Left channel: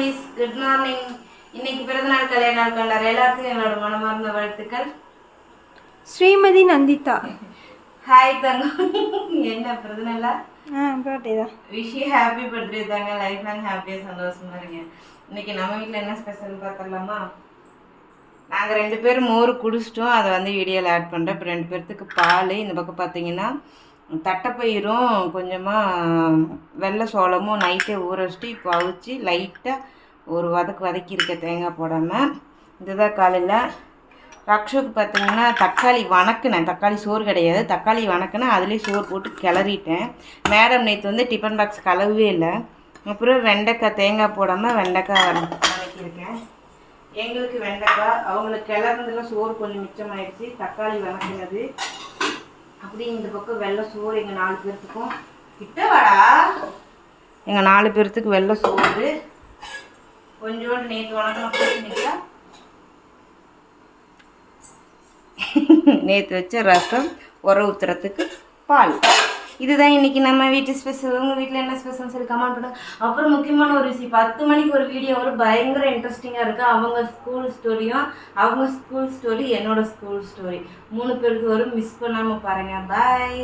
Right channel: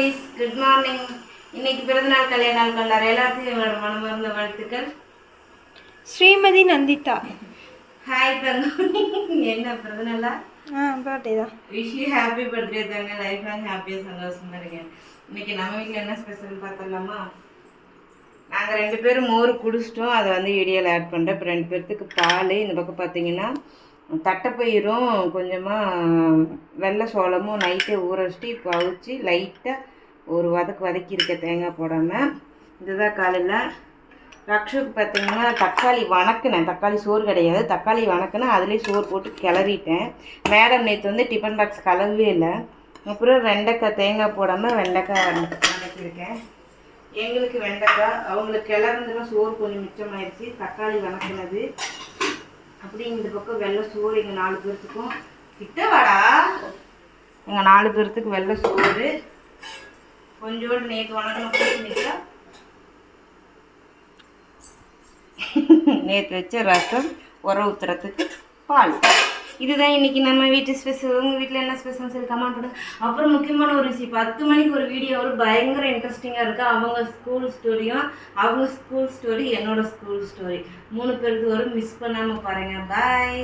Families, good morning. இன்னைக்கு பிறந்தநாள் கல்யாண நாள் கொண்டாடுற எல்லாத்துக்கும் எங்களோட மனமார்ந்த வாழ்த்துக்கள். ஸ்ரீமதி நந்திதா. ஹாய் தங்கம். என்ன பிறந்தநாளா? பர்த்டே தான். விஷ் யூ ஹாப்பி பர்த்டே தாங்க. லைஃப் லாங் ஹாப்பியாக சந்தோஷமா இருங்க. இன்னைக்கு நம்ம வீட்டில் என்ன ஸ்பெஷல் பார்த்துடலாமா? நாங்கள் 2 பேரும் மோர் குடிச்சிட்டோம். அதை வந்து வீடியோவில் ஆட் பண்ணுறேன். இப்போ 2 பேர்த்துக்கு பால். இந்த பக்கம் பார்த்தீங்கன்னா தட்டைப்பயிரும் கொஞ்சமாக வெள்ளை சோளமும் நைட்டே ஊற வச்சுட்டு இப்போ அவிச்சு லைட்டாக ஒரு வதக்கியிருக்க தேங்காய் போடாமல். இதுதான் காலையில். ரக்ஷுக்கு பார்த்தீங்கன்னா தக்காளி வணக்கினேன். தக்காளி சோறு கிடையாது, தக்காளி வணக்கினேன். அதுலேயே சோறு போட்டு கிளறிட்டேன். மேடம் நேற்று வந்து டிஃபன் பாக்ஸ் கலவே இல்லை. அப்புறம் வெண்டைக்காய் தேங்காய் போடாமல் வெண்டைக்காய் வதக்கியிருக்கேன். எங்களுக்கு வெண்டைக்காய், அவங்களுக்கு கிளறதுலாம் சோறு கொஞ்சம் மிச்சமாயிடுச்சு. தக்காளி வணக்கினது அப்படி. இந்த பக்கம் வெள்ளை சோறு எங்கள் 4 பேர்த்துக்கும். கிட்ட வாடா. எங்கள் 4 பேர்த்துக்கு வெள்ளை சோறு. கொஞ்சோண்டு நேற்று வணக்கம் போட்டுட்டா. நேற்று வச்ச ரசம், உரம் ஊற்றுறதுக்கு பால். இதுதான் இன்றைக்கி நம்ம வீட்டு ஸ்பெஷல். உங்கள் வீட்டில் என்ன ஸ்பெஷல்னு சொல்லி கமெண்ட் பண்ணுங்க. அப்புறம் முக்கியமான ஒரு விஷயம், 10 மணிக்கு ஒரு வீடியோ வரும். பயங்கர இன்ட்ரெஸ்டிங்காக இருக்குது. அவங்க ஸ்கூல் ஸ்டோரியும், அவங்க ஸ்கூல் ஸ்டோரி, என்னோடய ஸ்கூல் ஸ்டோரி 3 பேருக்கு வரும். மிஸ் பண்ணாமல் பாருங்கள். பாய்.